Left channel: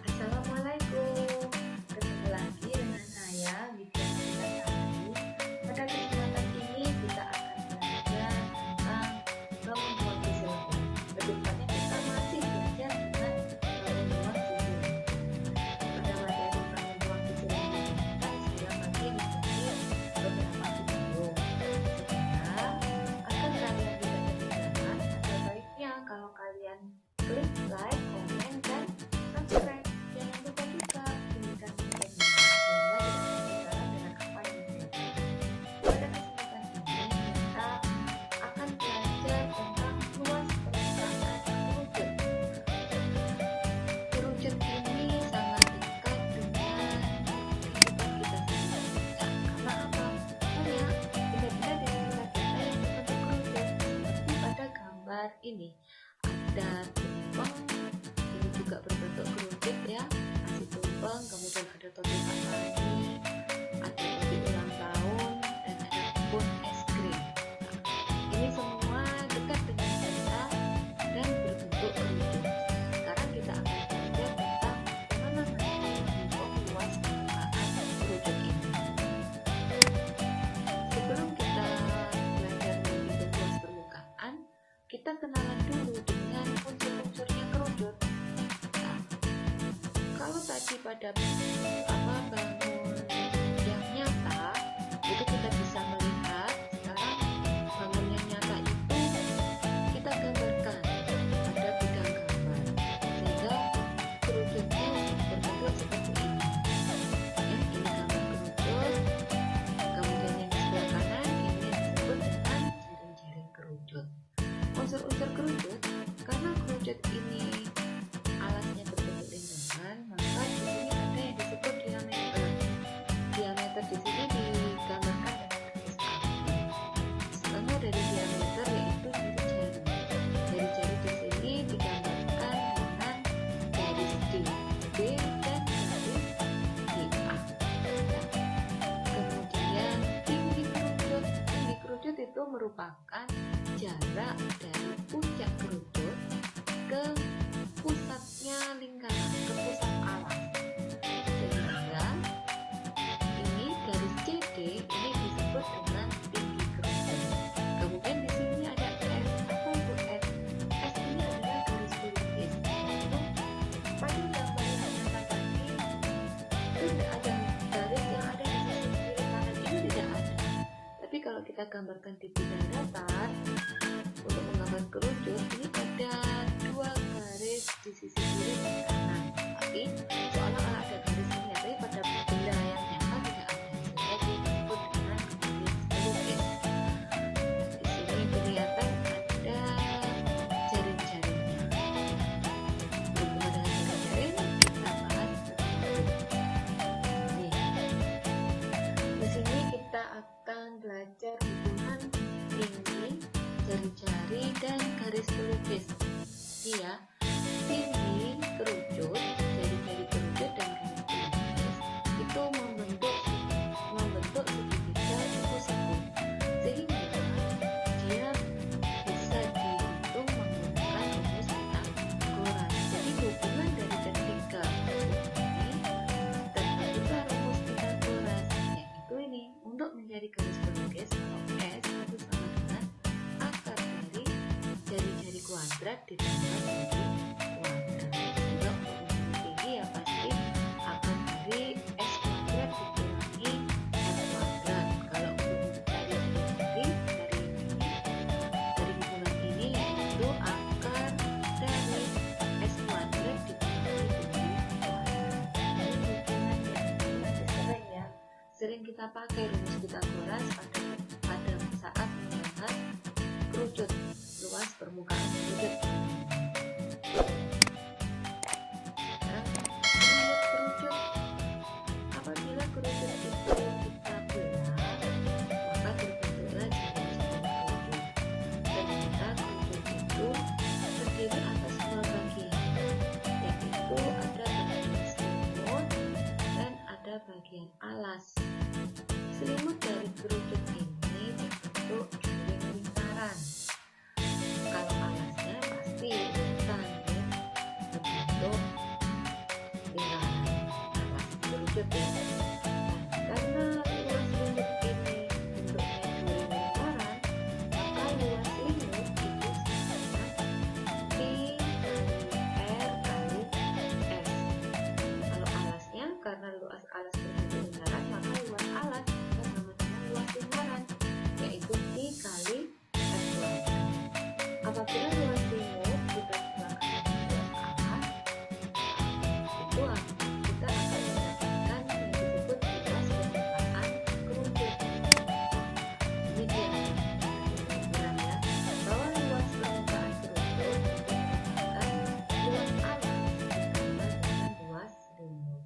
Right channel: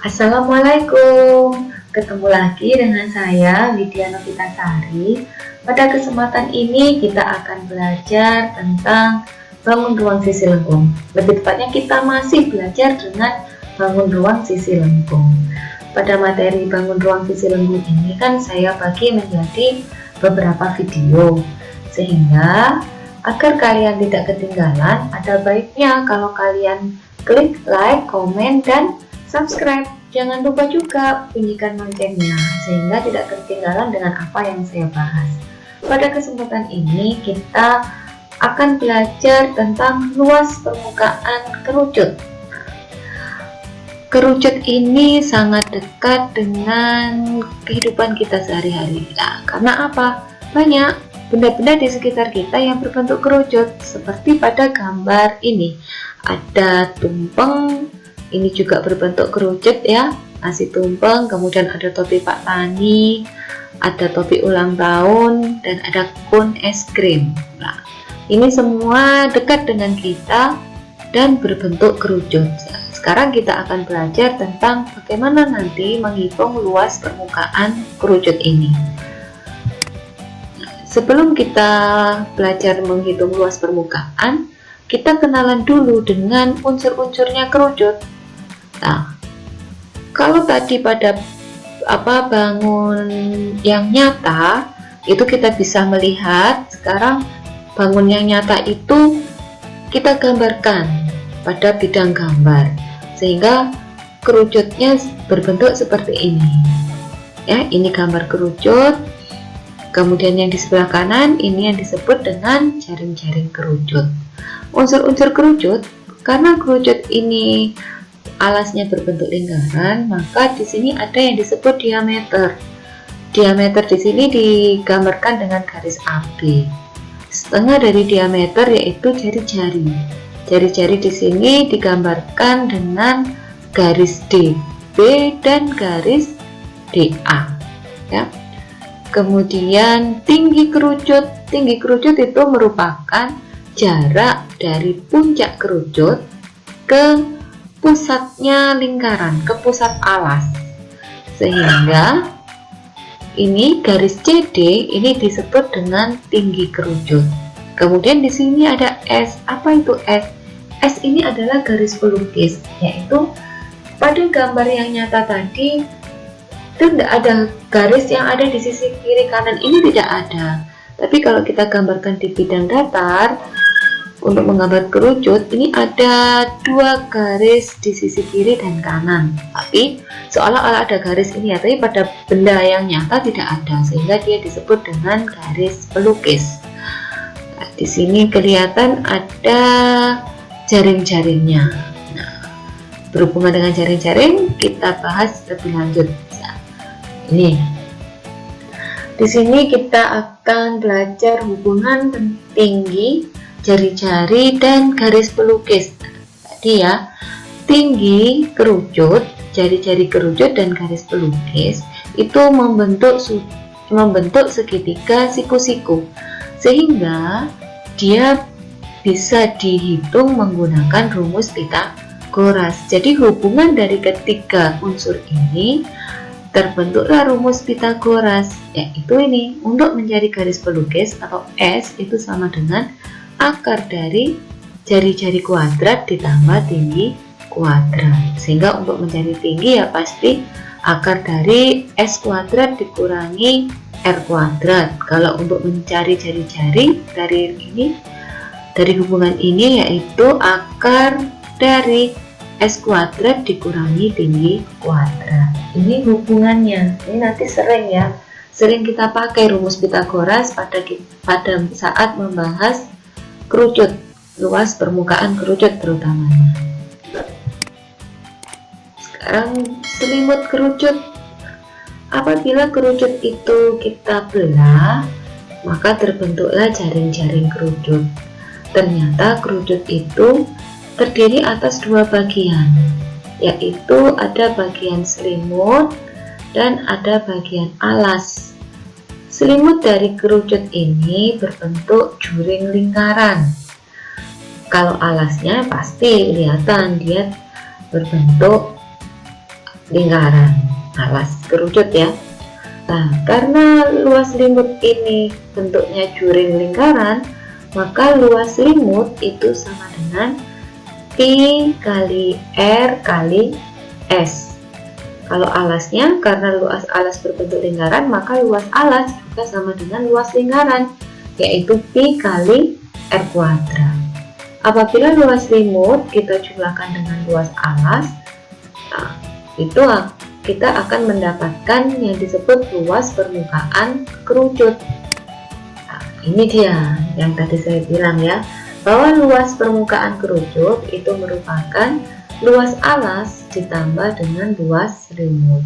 Assalamualaikum, ketemu lagi dengan saya Widya Novitasari. Pada kesempatan ini kita akan belajar tentang bangun ruang sisi lengkung. Lebih tepatnya kita masih belajar dengan bangun ruang sisi lengkung. Pada materi bangun ruang sisi lengkung ini kan saya bagi menjadi beberapa video, sehingga agar kalian tidak ketinggalan, ada baiknya kalau kalian klik like, komen, dan subscribe. Jangan lupa juga bunyikan loncengnya sehingga tidak ketinggalan dengan apa yang saya bahas. Pada kesempatan ini kita akan belajar tentang luas permukaan kerucut. Kerucut ini sangat dekat dengan kehidupan kita sehari-hari. Nah, karena apa? Banyak benda-benda di sekitar kita yang berbentuk kerucut, seperti pada gambar ini. Ada tumpeng, ini juga berbentuk kerucut ya, nasi tumpeng, kemudian ada topi Pak Tani, ada topi ulang tahun, dan ada kun es krim. Nah, ini semua dekat dengan kita dan berbentuk kerucut. Sekarang kita akan belajar tentang bagaimana nanti menghitung luas permukaan kerucut ini. Sebelum kita belajar menghitung luas permukaan, kita kenalan dulu dengan unsur-unsurnya kerucut. Nah, kalau tadi pada bangun yang nyata itu kita bisa melihat, sekarang bangun yang nyata itu kita gambarkan pada bidang gambar sehingga kerucutnya berbentuk seperti ini. Ya, ini gambar kerucut. Kemudian yang di sebelah kanan ini yang disebut dengan jaring-jaring kerucut. Unsur-unsur kerucut, karena kerucut ini alasnya berbentuk lingkaran, maka di sini ada yang disebut diameter. Diameter di sini digambarkan dengan garis AB. Setengah dari diameter yaitu jari-jari. Jari-jari di sini digambarkan dengan garis DB dan garis DA. Ya. Kemudian tinggi kerucut. Tinggi kerucut itu merupakan jarak dari puncak kerucut ke pusatnya lingkaran, ke pusat alas, sehingga ini garis CD ini disebut dengan tinggi kerucut. Kemudian di sini ada S. Apa itu S? S ini adalah garis pelukis, yaitu pada gambar yang nyata tadi itu tidak ada garis yang ada di sisi kiri kanan, ini tidak ada. Tapi kalau kita gambarkan di bidang datar, untuk menggambar kerucut ini ada dua garis di sisi kiri dan kanan, tapi seolah-olah ada garis ini ya, tapi pada benda yang nyata tidak ada, sehingga dia disebut dengan garis pelukis. Nah, di sini kelihatan ada jaring-jaringnya. Nah, berhubungan dengan jaring-jaring kita bahas lebih lanjut. Nah, ini di sini kita akan belajar hubungan tinggi, jari-jari, dan garis pelukis. Tadi ya, tinggi kerucut, jari-jari kerucut, dan garis pelukis itu membentuk segitiga siku-siku, sehingga dia bisa dihitung menggunakan rumus Pythagoras. Jadi hubungan dari ketiga unsur ini terbentuklah rumus Pythagoras, yaitu ini. Untuk mencari garis pelukis atau S itu sama dengan akar dari jari-jari kuadrat ditambah tinggi kuadrat, sehingga untuk mencari tinggi ya pasti akar dari S kuadrat dikurangi R kuadrat. Kalau untuk mencari jari-jari dari hubungan ini yaitu akar dari S kuadrat dikurangi tinggi kuadrat. Ini hubungannya, ini nanti sering kita pakai rumus Pythagoras pada saat membahas kerucut, luas permukaan kerucut terutamanya. Sekarang selimut kerucut. Apabila kerucut itu kita belah, maka terbentuklah jaring-jaring kerucut. Ternyata kerucut itu terdiri atas dua bagian, yaitu ada bagian selimut dan ada bagian alas. Selimut dari kerucut ini berbentuk juring lingkaran. Kalau alasnya pasti kelihatan dia berbentuk lingkaran alas kerucut ya. Nah, karena luas limut ini bentuknya juring lingkaran, maka luas limut itu sama dengan Pi kali R kali S. Kalau alasnya, karena luas alas berbentuk lingkaran, maka luas alas juga sama dengan luas lingkaran, yaitu Pi kali R kuadrat. Apabila luas limut kita jumlahkan dengan luas alas, nah, itu kita akan mendapatkan yang disebut luas permukaan kerucut. Nah, ini dia yang tadi saya bilang ya, bahwa luas permukaan kerucut itu merupakan luas alas ditambah dengan luas limut.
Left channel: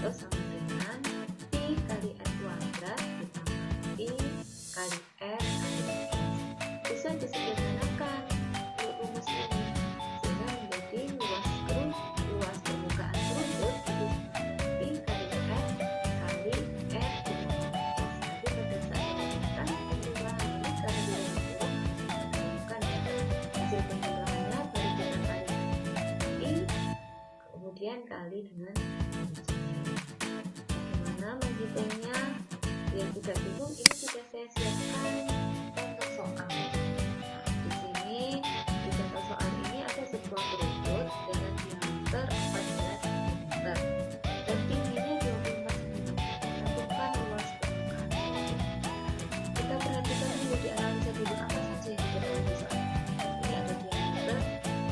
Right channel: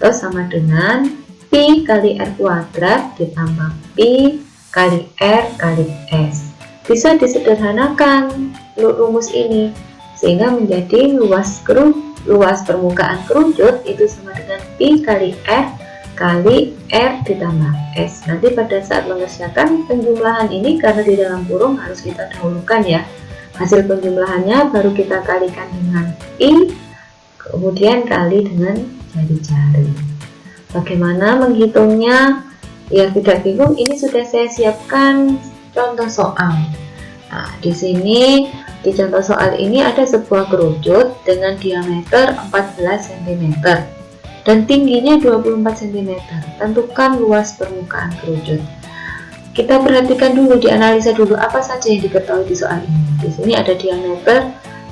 Terus sama dengan Pi kali R kuadrat ditambah Pi kali R kali S. Bisa disederhanakan rumus ini sehingga menjadi luas permukaan kerucut itu sama dengan Pi kali R kali R ditambah S. Nanti pada saat mengerjakan penjumlahan ini, karena di dalam kurung harus kita dahulukan ya, hasil penjumlahannya baru kita kalikan dengan Pi, kemudian kali dengan jari-jari. Bagaimana menghitungnya? Biar tidak bingung, ini sudah saya siapkan contoh soal. Nah, di sini di contoh soal ini ada sebuah kerucut dengan diameter 14 cm dan tingginya 24 cm. Tentukan luas permukaan kerucut. Kita perhatikan dulu, dianalisa dulu apa saja yang diketahui di soal ini. Di sini ada diameter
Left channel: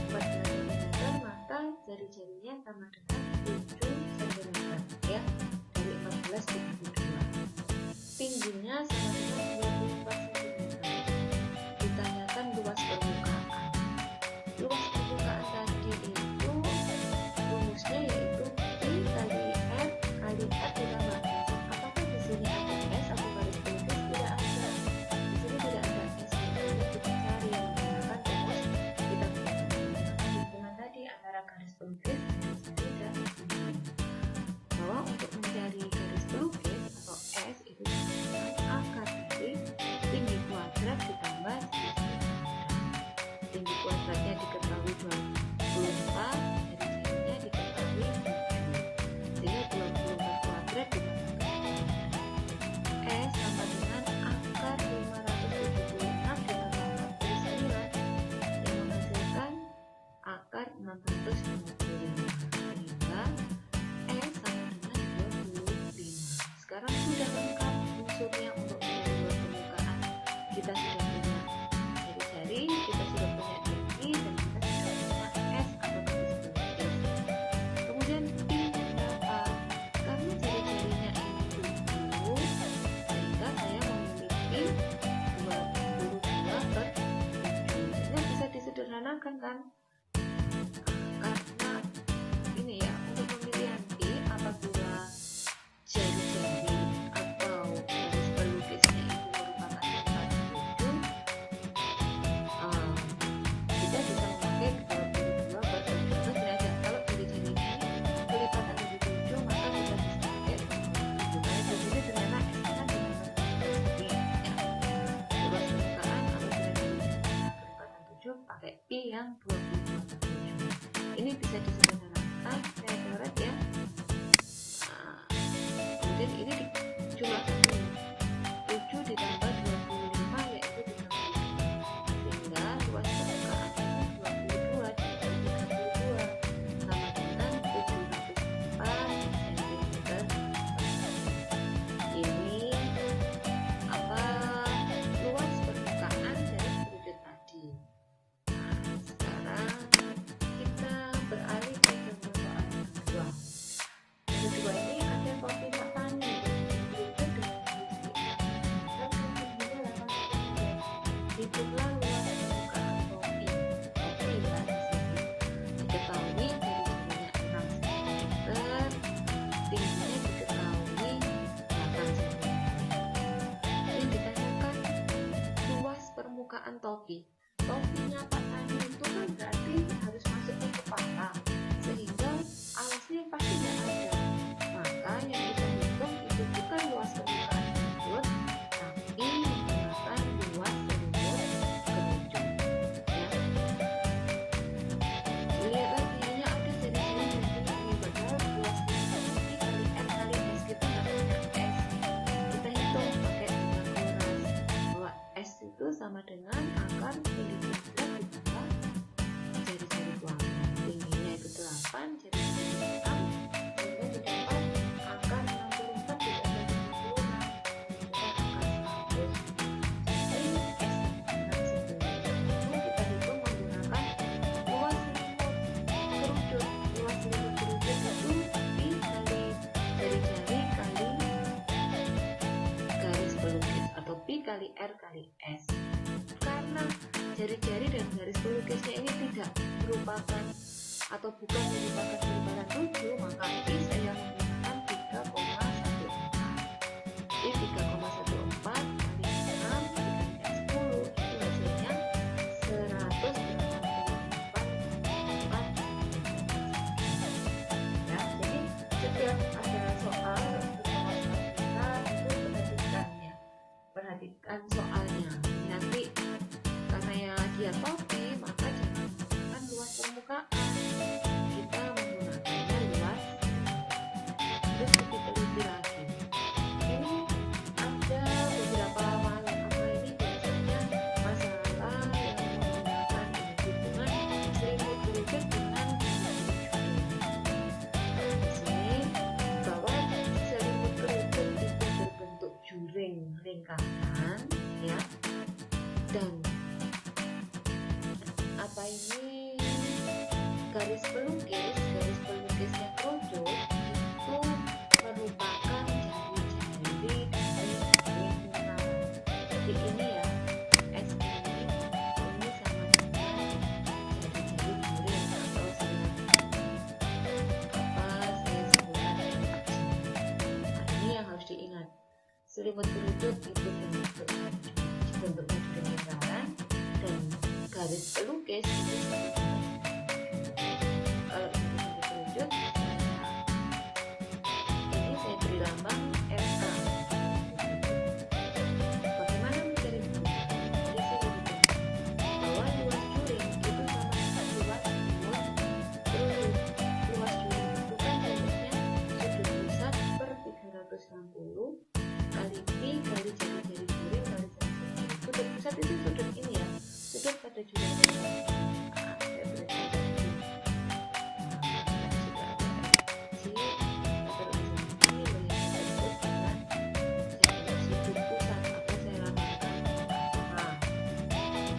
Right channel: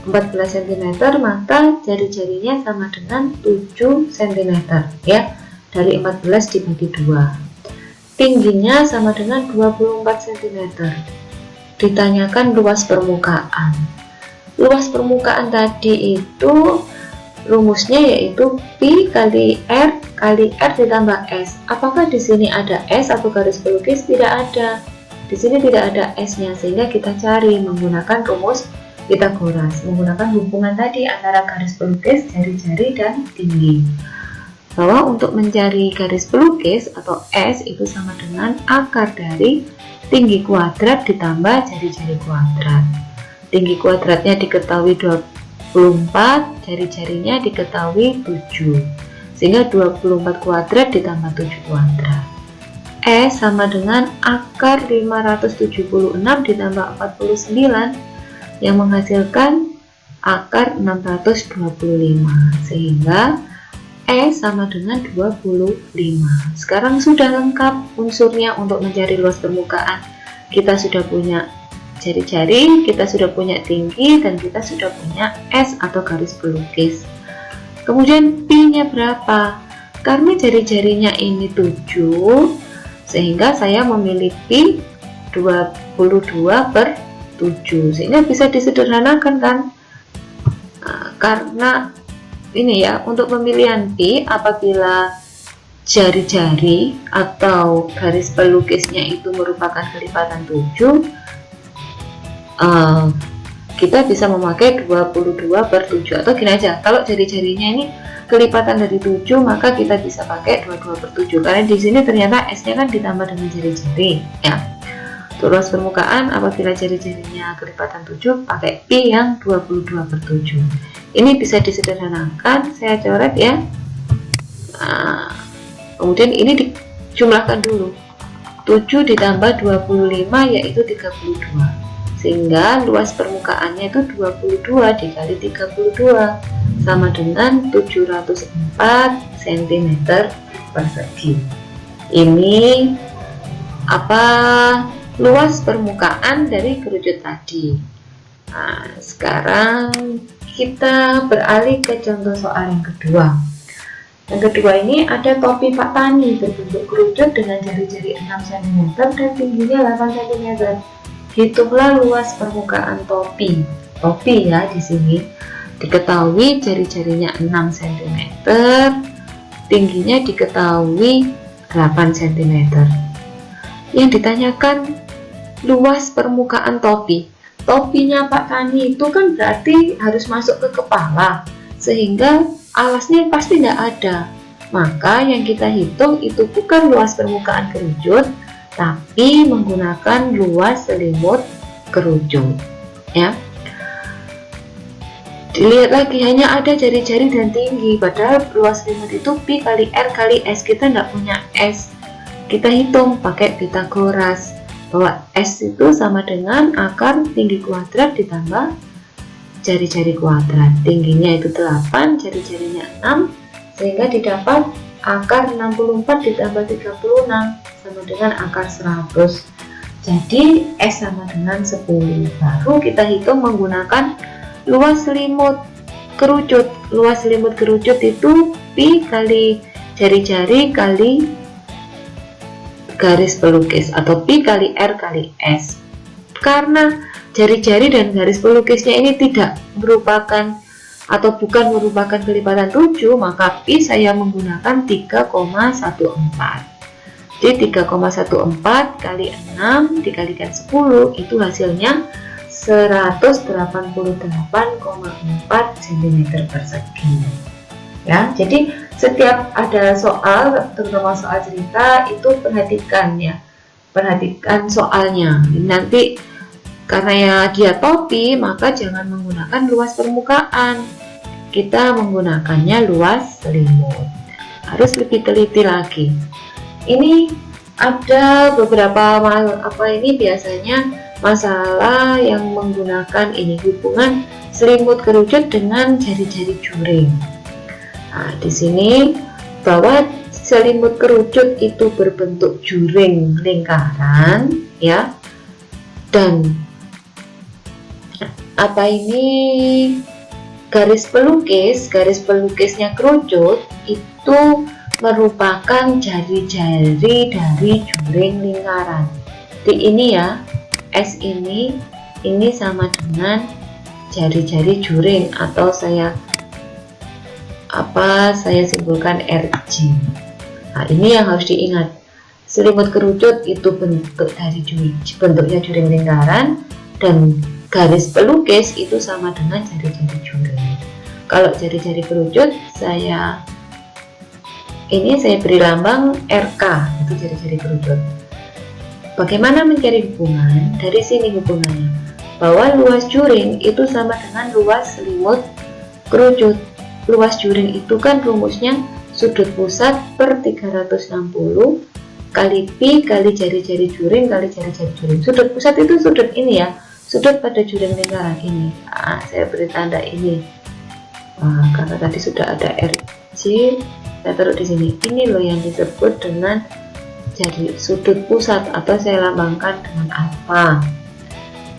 14 cm, maka jari-jarinya sama dengan 7 cm ya. Dari 14 dibagi 2. Tingginya sama dengan 24 cm. Ditanyakan luas permukaan. Luas permukaan tadi itu rumusnya yaitu Pi kali R ditambah S. Apakah di sini ada S atau garis pelukis? Tidak ada. Di sini tidak ada S-nya, sehingga kita cari menggunakan rumus Pythagoras, menggunakan hubungan tadi antara garis pelukis, jari-jari, dan tinggi. Bahwa untuk mencari garis pelukis atau S itu sama dengan akar dari tinggi kuadrat ditambah jari-jari kuadrat. Tinggi kuadratnya diketahui 24, jari-jarinya diketahui 7, sehingga 24 kuadrat ditambah 7 kuadrat. S sama dengan akar 576 ditambah 49 yang menghasilkan akar 625, sehingga S sama dengan 25. Sekarang sudah lengkap unsurnya untuk mencari luas permukaan. Kita sudah punya jari-jari, kita sudah punya tinggi, dan kita sudah punya S atau garis pelukis. Kemudian Pi-nya berapa? Karena jari-jarinya ini 7, sehingga saya memilih Pi 22/7, sehingga bisa disederhanakan kan? Nah, karena ini ya, untuk pemilihan Pi, apabila jari-jari atau garis pelukisnya itu merupakan kelipatan 7, kita bisa memakai 22/7, atau gini aja, kalau jari-jarinya ini kelipatan dari 7, maka kita bisa pakai 22/7, karena di sini ternyata S-nya kan ditambah dengan jari-jari ya. Luas permukaan apabila jari-jarinya kelipatan 7, pakai Pi yang 22/7. Ini bisa disederhanakan, saya coret ya. Nah, kemudian ini dijumlahkan dulu, 7 ditambah 25 yaitu 32, sehingga luas permukaannya itu 22 dikali 32 sama dengan 704 cm persegi. Ini apa? Luas permukaan dari kerucut tadi. Nah, sekarang kita beralih ke contoh soal yang kedua. Yang kedua ini ada topi Pak Tani berbentuk kerucut dengan jari-jari 6 cm dan tingginya 8 cm. Hitunglah luas permukaan topi. Topi ya, di sini diketahui jari-jarinya 6 cm, tingginya diketahui 8 cm. Yang ditanyakan luas permukaan topi. Topinya Pak Tani itu kan berarti harus masuk ke kepala, sehingga alasnya pasti tidak ada. Maka yang kita hitung itu bukan luas permukaan kerucut, tapi menggunakan luas selimut kerucut ya. Dilihat lagi, hanya ada jari-jari dan tinggi, padahal luas selimut itu pi kali r kali s. Kita nggak punya s, kita hitung pakai Pitagoras bahwa s itu sama dengan akar tinggi kuadrat ditambah jari-jari kuadrat. Tingginya itu 8, jari-jarinya 6, sehingga didapat akar 64 ditambah 36 sama dengan akar 100. Jadi s sama dengan 10. Baru kita hitung menggunakan luas selimut kerucut. Luas selimut kerucut itu pi kali jari-jari kali garis pelukis atau pi kali r kali s. Karena jari-jari dan garis pelukisnya ini tidak merupakan atau bukan merupakan kelipatan 7, maka pi saya menggunakan 3,14. Jadi 3,14 kali 6 dikalikan 10 itu hasilnya 188,4 cm persegi. Ya, jadi setiap ada soal, terutama soal cerita, itu perhatikan ya, perhatikan soalnya. Nanti karena ya dia topi, maka jangan menggunakan luas permukaan, kita menggunakannya luas selimut. Harus lebih teliti lagi. Ini ada beberapa biasanya masalah yang menggunakan ini hubungan selimut kerucut dengan jari-jari juring. Nah, di sini bahwa selimut kerucut itu berbentuk juring lingkaran ya, dan garis pelukisnya kerucut itu merupakan jari-jari dari juring lingkaran. Di ini ya, S ini sama dengan jari-jari juring, atau saya simpulkan RJ. Nah, ini yang harus diingat. Selimut kerucut itu bentuknya juring lingkaran, dan garis pelukis itu sama dengan jari-jari juring. Kalau jari-jari kerucut saya beri lambang RK, itu jari-jari kerucut. Bagaimana mencari hubungan? Dari sini hubungannya, bahwa luas juring itu sama dengan luas selimut kerucut. Luas juring itu kan rumusnya sudut pusat per 360 kali pi kali jari-jari juring kali jari-jari juring. Sudut pusat itu sudut ini ya, sudut pada juring lingkaran ini. Nah, saya beri tanda ini. Karena tadi sudah ada RJ, saya taruh di sini. Ini loh yang disebut dengan jadi sudut pusat, atau saya lambangkan dengan alfa.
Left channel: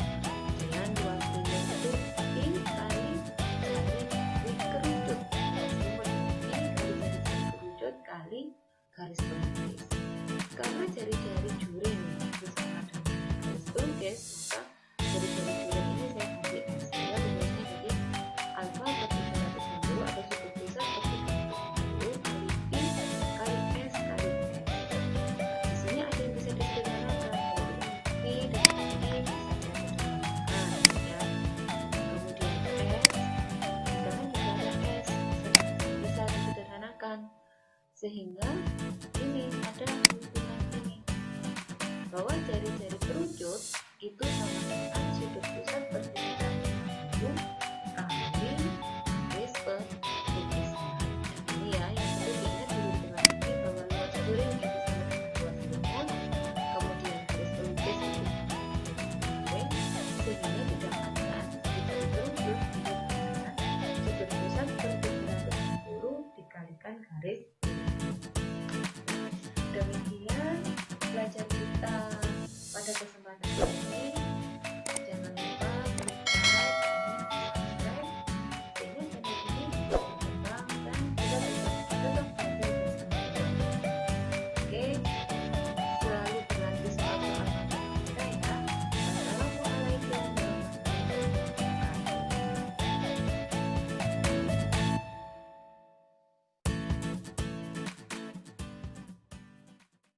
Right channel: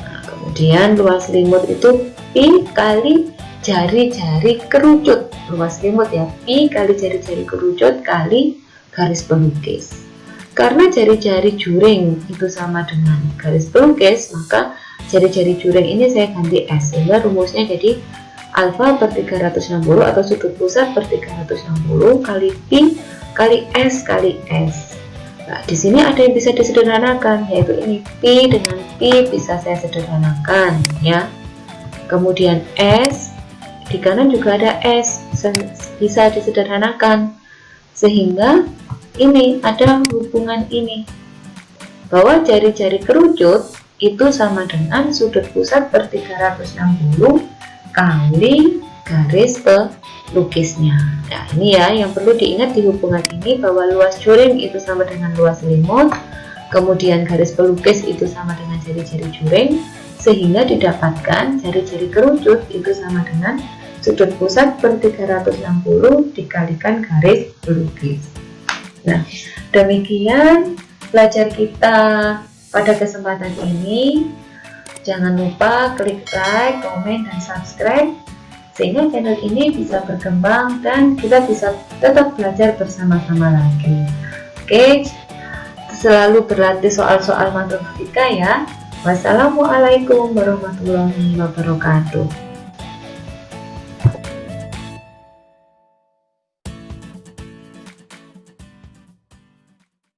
Nah, kemudian luas selimut itu pi kali jari-jari kerucut. Luas selimut ya, pi kali jari-jari kerucut kali garis pelukis. Karena jari-jari juring itu sama dengan garis pelukis, maka jari-jari juring ini saya ganti S, sehingga rumusnya jadi alfa per 360 atau sudut pusat per 360 kali pi kali S kali S. Nah, di sini ada yang bisa disederhanakan, yaitu ini pi dengan pi bisa saya sederhanakan ya. Kemudian S di kanan juga ada S, bisa disederhanakan, sehingga ini ada hubungan ini bahwa jari-jari kerucut itu sama dengan sudut pusat per 360 kali garis pelukisnya. Nah, ini ya yang perlu diingat di hubungan ini, bahwa luas juring itu sama dengan luas selimut, kemudian garis pelukis itu sama dengan jari-jari juring, sehingga didapatkan jari-jari kerucut itu sama dengan sudut pusat per 360 dikalikan garis pelukis. Nah, demikian belajar kita pada kesempatan ini. Jangan lupa klik like, komen, dan subscribe, sehingga channel ini bisa berkembang dan kita bisa tetap belajar bersama-sama lagi. Oke, selalu berlatih soal-soal matematika ya. Wassalamualaikum warahmatullahi wabarakatuh.